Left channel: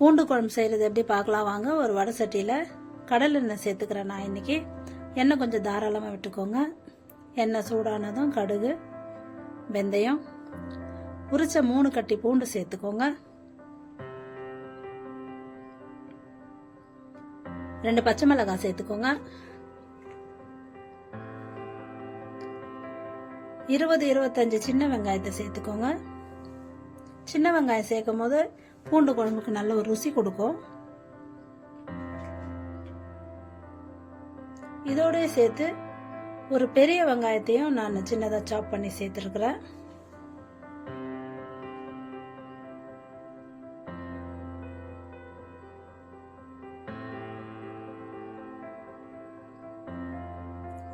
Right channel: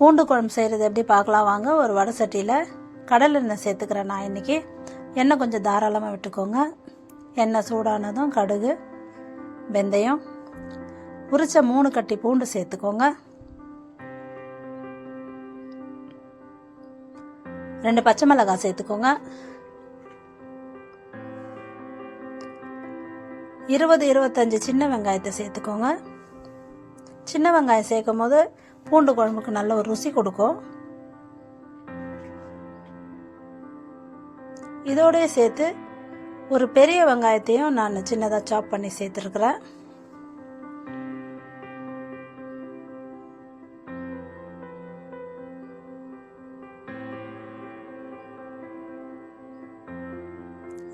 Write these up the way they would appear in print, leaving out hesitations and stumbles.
பூண்டு குழம்பு செய்கிறது எப்படி பார்க்கலாம் வாங்க. ஒரு வடை சட்டியில் கடலை எண்ணெய் சேர்த்துக்கிறேன் நான் இன்றைக்கி. எண்ணெய் கொஞ்சம் தாராளமாக விட்டுக்கோங்க. எண்ணெய் சூடானதும் கடுகு, வெந்தயம், உரிச்ச 3 கட்டி பூண்டு சேர்த்துக்கோங்க. 2 பச்சை மிளகாய் சேர்த்துக்கோங்க. 20-25 சின்ன வெங்காயத்தை சேர்த்துக்கோங்க. சின்ன வெங்காயம் சேர்க்கும் போது பூண்டு குழம்புக்கு நல்ல ஒரு ருசி கொடுக்கும். இதோடய சேர்த்து ஒரு பெரிய வெங்காயத்தையும் நான் சின்னதாக சாப் பண்ணி சேர்த்துருக்குறேன்.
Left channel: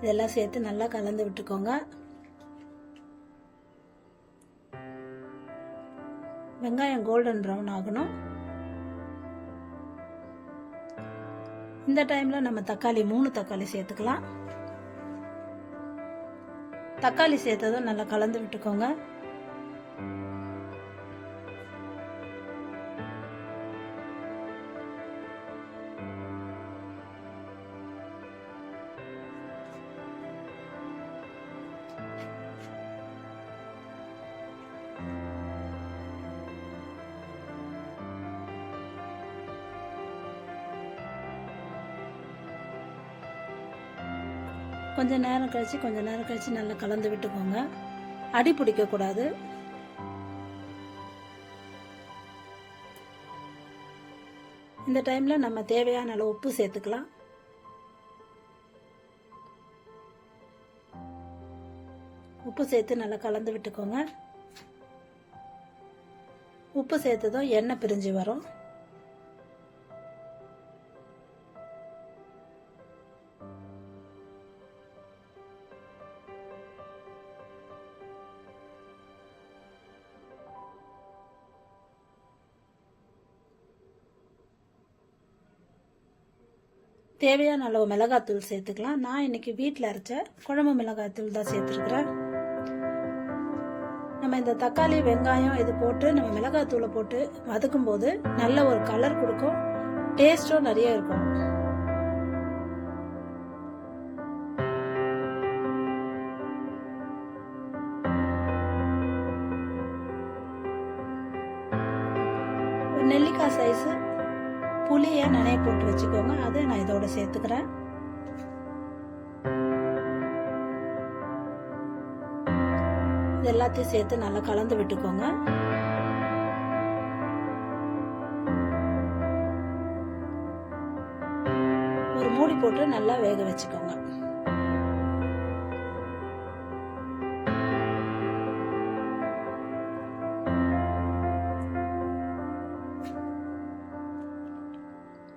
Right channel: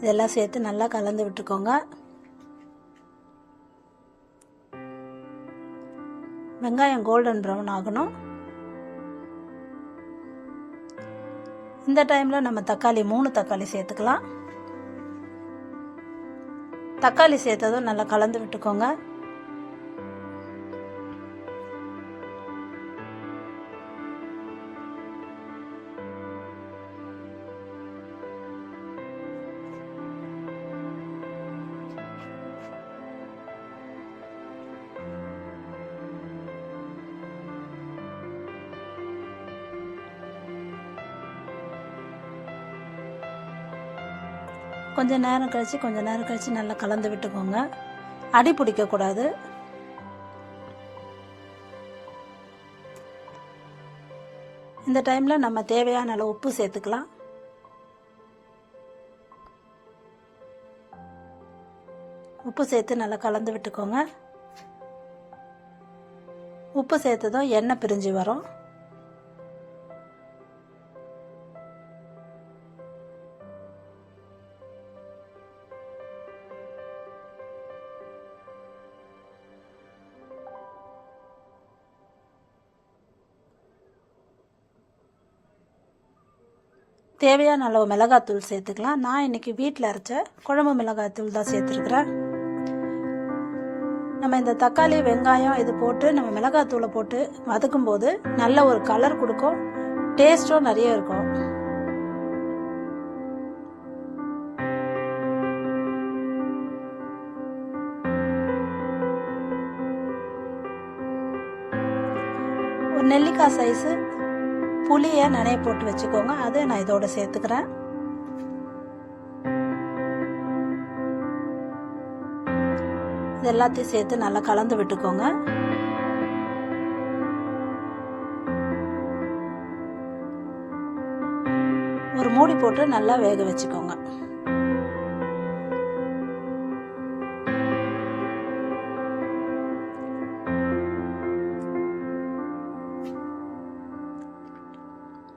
இதெல்லாம் சேர்த்து நல்லா கலந்து விட்டுக்கோங்க. வெங்காயம் கோல்டன் ப்ரௌன் ஆகணும். இந்த டைமில் நம்ம தக்காளி 3 தக்காளி சேர்த்துக்கலாம். தக்காளி சேர்த்ததும் நல்லா கலந்து விட்டுக்கோங்க. கொஞ்ச நேரம் கழிச்சு நல்லா கலந்து விட்டுக்கோங்க. அடி பிடிக்கக்கூடாது. இந்த டைமில் நம்ம தேவையான அளவு உப்பு சேர்த்துக்கலாம். உப்பு சேர்த்து நல்லா கலந்து விட்டுக்கோங்க. உப்பு சேர்த்ததும் எண்ணெய் பிரிஞ்சு வரும். தேவையான அளவு மிளகாத்தூள் சேர்த்துக்கலாம். நான் இன்னைக்கு வீட்டில் அரைச்ச குழம்பு மிளகாத்தூள் தான் சேர்த்துருக்குறேன். நம்ம இந்த தக்காளி, வெங்காயம் இது போட்டு நம்ம மிளகாத்தூளை போட்டு வதக்கும் போது நல்ல ஒரு கலர் கொடுக்கும். டேஸ்ட்டும் நிறைய இருக்கும். ஒரு நெல்லிக்காய் சைஸு புளியை நிறைய போட்டு வச்சுக்கோங்க. அதை நான் இதோட சேர்த்துக்கிறேன். இது எல்லாத்தையும் சேர்த்து நல்லா கலந்து விட்டுக்கோங்க. ஒரு மூடி போட்டு நல்லா வேக வச்சுக்கோங்க.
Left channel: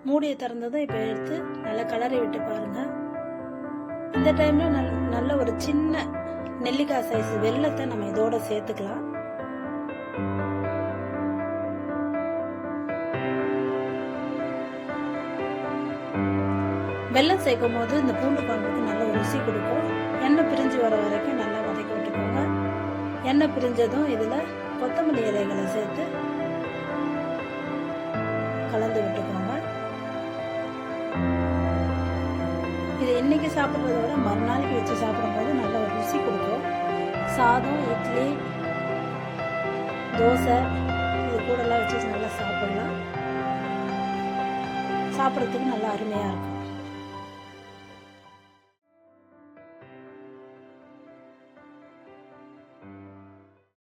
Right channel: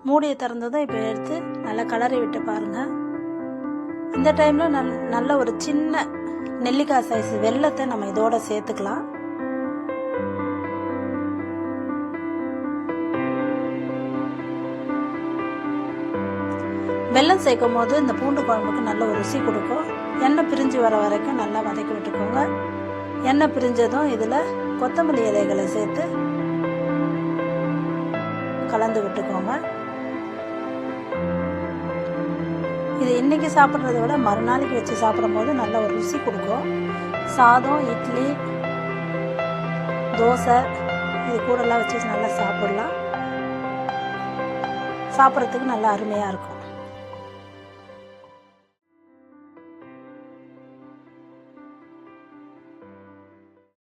மூடியை திறந்ததும் இப்போ எடுத்து நல்லா கலரி விட்டு பாருங்க. இந்த டைமில் நல்ல ஒரு சின்ன நெல்லிக்காய் சைஸ் வெல்லத்தை நம்ம இதோட சேர்த்துக்கலாம். வெல்லம் சேர்க்கும் போது இந்த பூண்டு குழம்புக்கு நல்ல ஒரு ருசி கொடுக்கும். எண்ணெய் பிரிஞ்சு வர வரைக்கும் நல்லா வதக்கி விட்டுக்கோங்க. எண்ணெய் பிரிஞ்சதும் இதில் கொத்தமல்லி இலைகளை சேர்த்து கலந்து விட்டுக்கோங்க. இது இன்னைக்கு சாப்பிட்றத விட மறுநாளைக்கு வச்சு சாப்பிடும் போது நல்ல ஒரு ருசி கொடுக்கும். சாதம், இட்லி, தோசை இது கூடலாம் வச்சு நல்லா சாப்பிடலாம். சாப்பிட்றதுக்கு நல்லா அருமையாக இருக்கும்.